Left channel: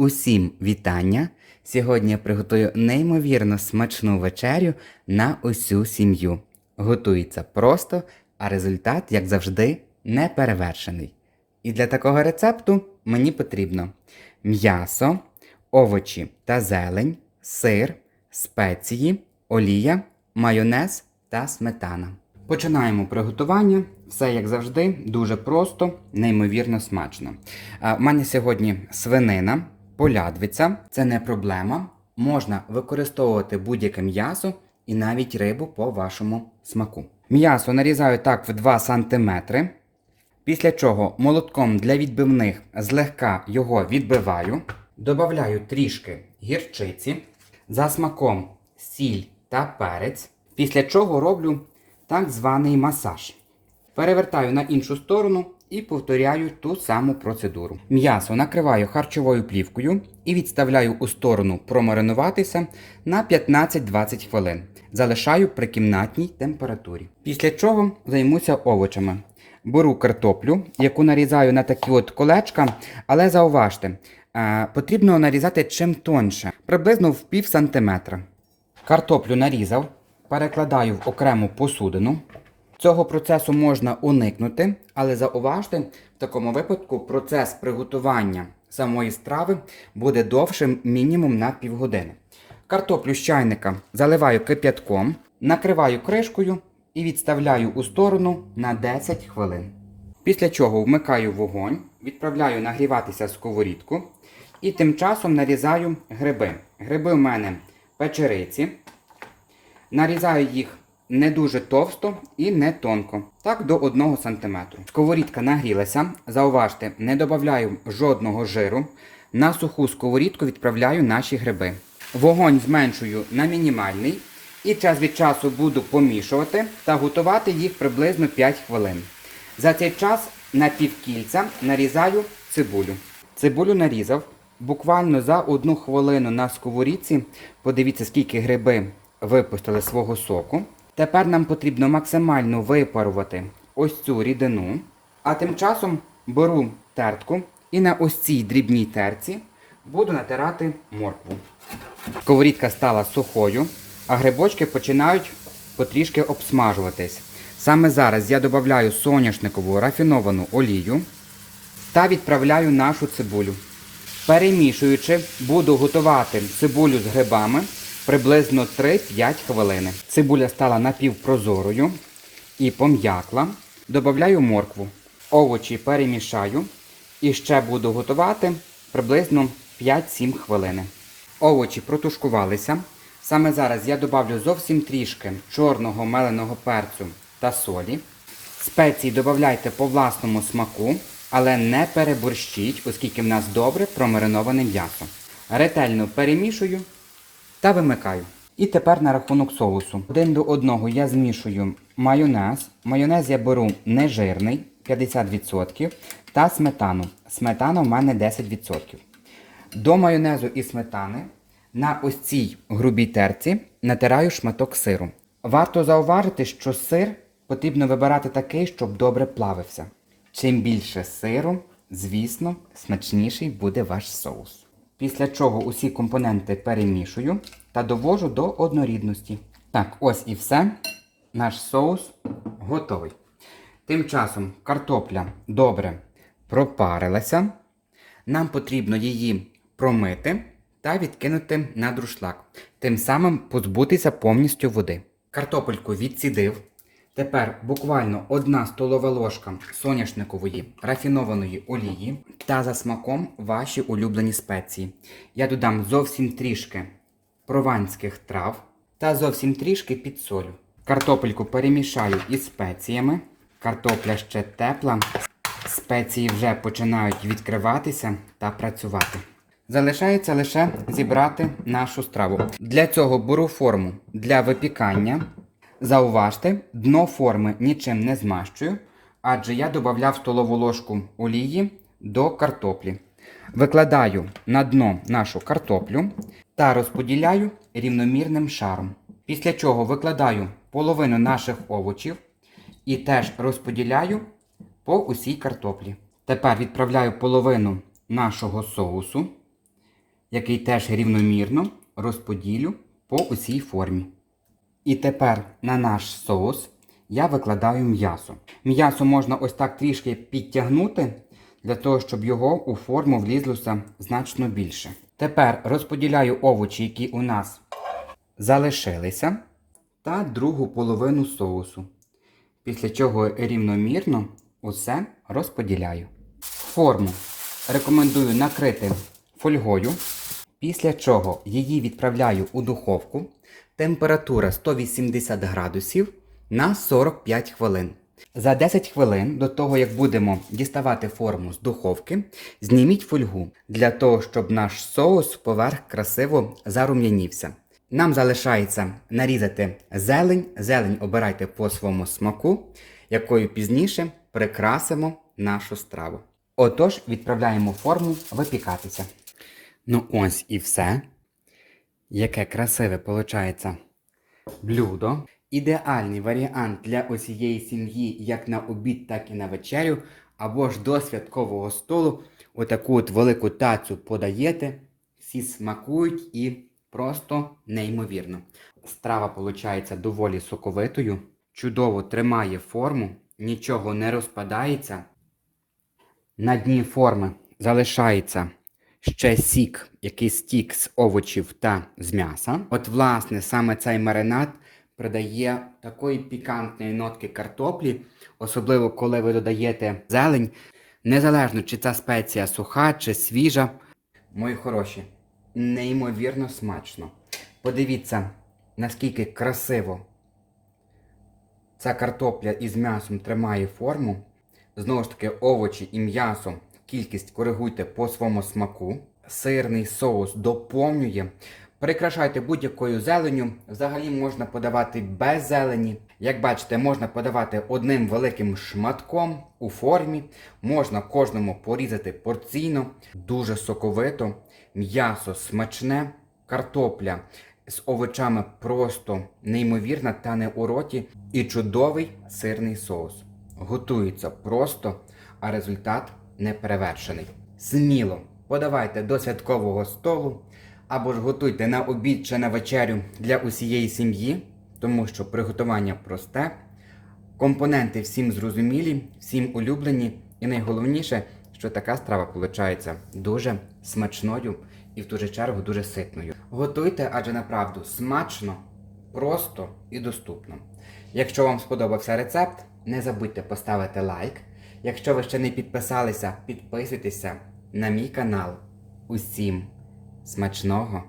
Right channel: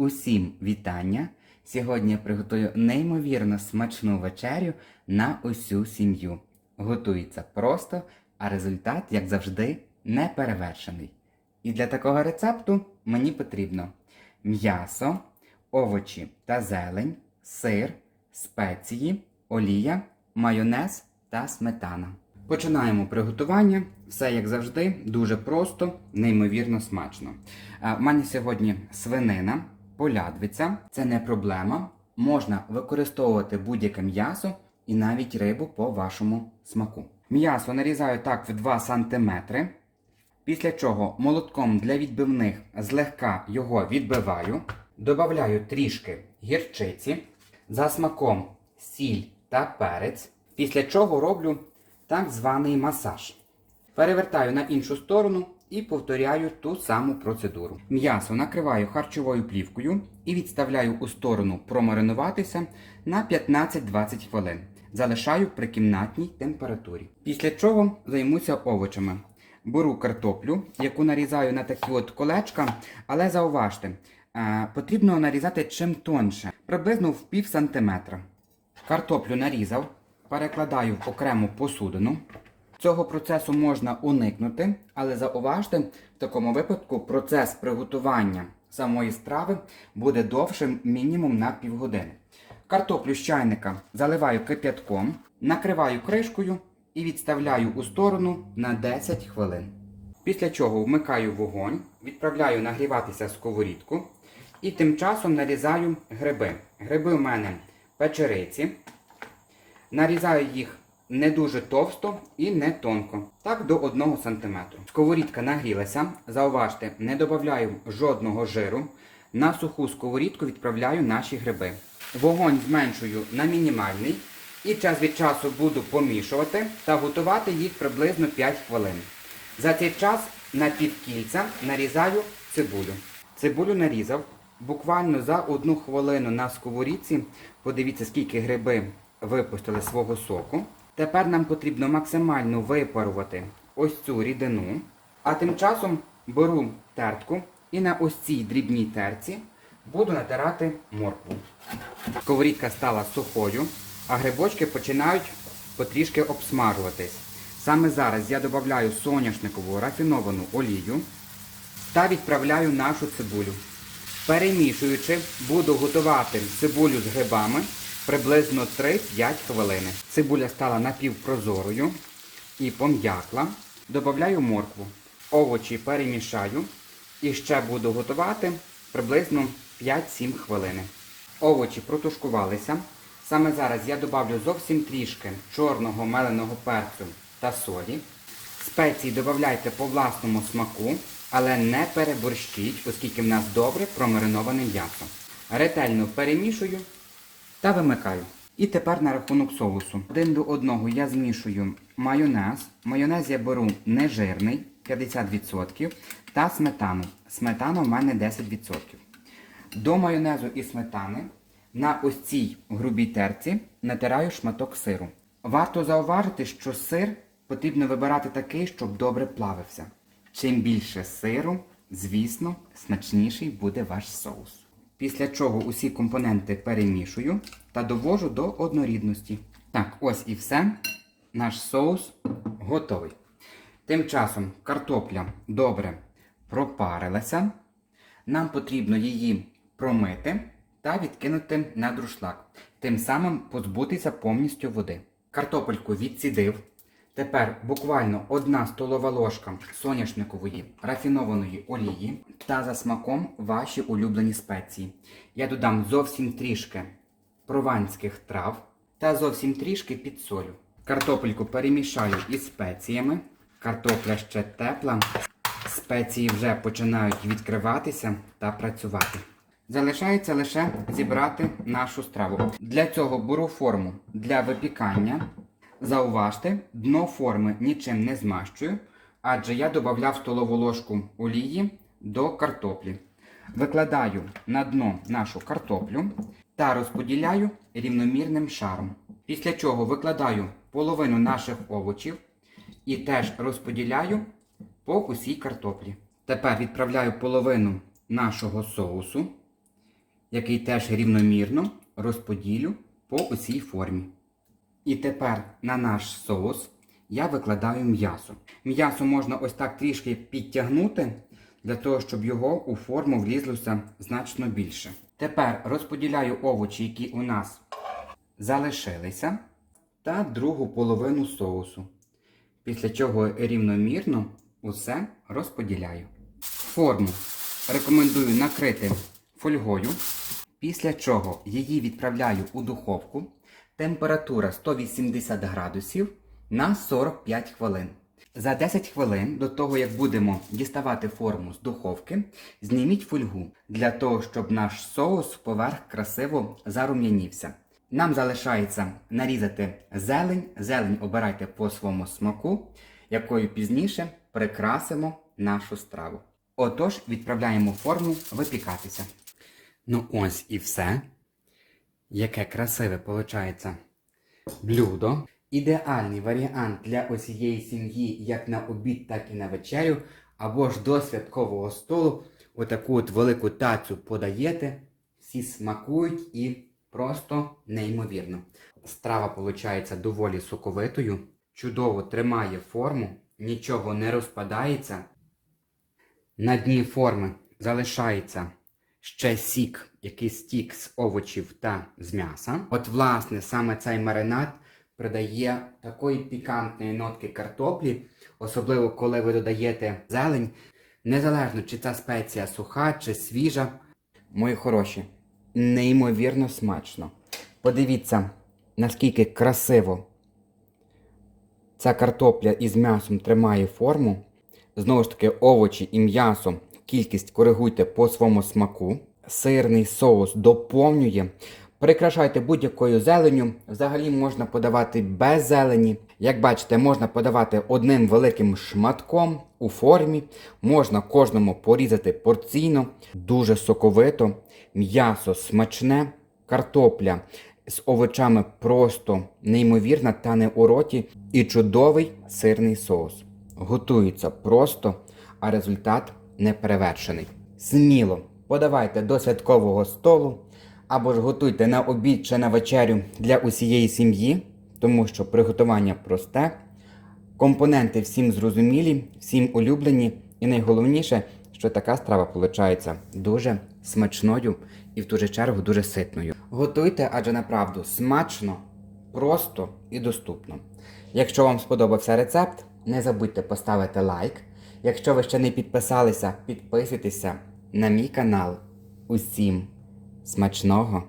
Усім вітання! Сьогодні я приготую неймовірно смачну вечерю на усю сім'ю. Готується просто, а результат, як завжди, неперевершений. І для такого рецепту мені потрібно м'ясо, овочі та зелень, сир, спеції, олія, майонез та сметана. Починаємо приготування. Все як завжди, дуже просто, неймовірно смачно. У мене сьогодні свинина, полядвиця, це не проблема. Можна використовувати будь-яке м'ясо і навіть рибу по вашому смаку. М'ясо нарізаю так в 2 см. Після чого молотком для відбивних злегка його відбиваю. Добавляю трішки гірчиці, за смаком сіль та перець. Після чого роблю так званий масаж. Перевертаю на іншу сторону і повторяю ту саму процедуру. М'ясо накриваю харчовою плівкою і відставляю у сторону промаринуватися на 15-20 хвилин. Залишаю при кімнатній температурі. Після чого займуся овочами. Беру картоплю, яку нарізаю на такі от колечка, але зауважте, е, потрібно нарізати чим тоньше, приблизно в пів сантиметра. Картоплю нарізав, перекладаю в окрему посудину. Цього процесу можна уникнути, але зауважте, в такому випадку процес приготування самої страви буде довшим мінімум на півгодини. Картоплю з чайника заливаю кип'ятком, накриваю кришкою і відставляю у сторону на 10 хвилин. Після чого вмикаю вогонь, відправляю нагріватися сковорідку і тим часом нарізаю гриби. Гриби в мене печериці. Нарізаю їх не дуже товсто і не тонко, так до 1 см. Сковорідка нагрілася. Зауважте, не додаю жодного жиру. На суху сковорідку відправляю наші гриби. Вогонь зменшую на мінімальний і час від часу буду помішувати та готувати їх приблизно 5 хвилин. За цей час на півкільця нарізаю цибулю. Цибулю нарізав буквально за одну хвилину на сковорідці. Подивіться, скільки гриби випустили свого соку. Тепер нам потрібно максимально випарувати ось цю рідину. А тим часом беру тертку і на ось цій дрібній терці буду натирати моркву. Сковорідка стала сухою, а грибочки починають потрішки обсмажуватись. Саме зараз я додаю соняшникову рафіновану олію та відправляю нашу цибулю. Перемішуючи, буду готувати цибулю з грибами приблизно 3-5 хвилини. Цибуля стала напівпрозорою і пом'якла. Добавляю моркву. Овочі перемішаю і ще буду готувати приблизно 5-7 хвилин. Овочі протушкувалися. Саме зараз я добавлю зовсім трішки чорного меленого перцю та солі. Спеції додавайте по власному смаку, але не переборщіть, оскільки в нас добре промариноване м'ясо. Ретельно перемішую та вимикаю. І тепер на рахунок соусу. Один до одного я змішую майонез. Майонез я беру нежирний 50% та сметану. Сметана в мене 10%. До майонезу і сметани на ось цій грубій терці натираю шматок сиру. Варто зауважити, що сир потрібно вибирати такий, щоб добре плавився. Чим більше сиру, звісно, смачніший буде ваш соус. Після чого усі компоненти перемішую та довожу до однорідності. Так, ось і все. Наш соус готовий. Тим часом картопля добре пропарилася. Нам потрібно її промити та відкинути на друшлак. Тим самим позбутися повністю води. Картопельку відсідив. Тепер буквально одна столова ложка соняшникової рафінованої олії та за смаком ваші улюблені спеції. Я додам зовсім трішки прованських трав та зовсім трішки підсолю. Картопельку перемішаю із спеціями. Картопля ще тепла. Спеції вже починають відкриватися та працювати. Залишається лише зібрати нашу страву. Для цього беру форму для випікання. Зауважте, дно форми нічим не змащую, адже я додав столову ложку олії до картоплі. Викладаю на дно нашу картоплю та розподіляю рівномірним шаром. Після чого викладаю половину наших овочів і теж розподіляю по усій картоплі. Тепер відправляю половину нашого соусу який теж рівномірно розподілю по усій формі. І тепер на наш соус я викладаю м'ясо. М'ясо можна ось так трішки підтягнути, для того, щоб його у форму влізлося значно більше. Тепер розподіляю овочі, які у нас залишилися, та другу половину соусу. Після чого рівномірно усе розподіляю. Форму рекомендую накрити фольгою, після чого її відправляю у духовку. Температура 180 градусів на 45 хвилин. За 10 хвилин до того, як будемо діставати форму з духовки, зніміть фольгу для того, щоб наш соус поверх красиво зарум'янівся. Нам залишається нарізати зелень. Зелень обирайте по своєму смаку, якою пізніше прикрасимо нашу страву. Отож, відправляємо форму випікатися. Ну ось і все. Яке красиве виходить блюдо. Ідеальний варіант для усієї сім'ї як на обід, так і на вечерю, або ж до святкового столу. Отаку от велику тацю подаєте, всі смакують і просто неймовірно. Страва виходить доволі соковитою, чудово тримає форму, нічого не розпадається. На дні форми залишається ще сік, який стік з овочів та з м'яса. От, власне, саме цей маринад придає такої пікантної нотки картоплі, особливо коли ви додаєте зелень, незалежно чи ця спеція суха чи свіжа. Мої хороші, неймовірно смачно. Подивіться, наскільки красиво ця картопля із м'ясом тримає форму. Знову ж таки, овочі і м'ясо, кількість коригуйте по своєму смаку. Сирний соус доповнює. Прикрашайте будь-якою зеленню. Взагалі можна подавати без зелені. Як бачите, можна подавати одним великим шматком у формі. Можна кожному порізати порційно, дуже соковито, м'ясо смачне, картопля з овочами просто неймовірна, тане у роті і чудовий сирний соус. Готується просто, а результат неперевершений. Сміло подавайте до святкового столу або ж готуйте на обід чи на вечерю для усієї сім'ї, тому що приготування просте, компоненти всім зрозумілі, всім улюблені, і найголовніше, що така страва виходить дуже смачною і в ту же чергу дуже ситною. Готуйте, адже направду смачно, просто і доступно. Якщо вам сподобався рецепт, не забудьте поставити лайк. Якщо ви ще не підписалися, підписуйтеся на мій канал. Усім смачного!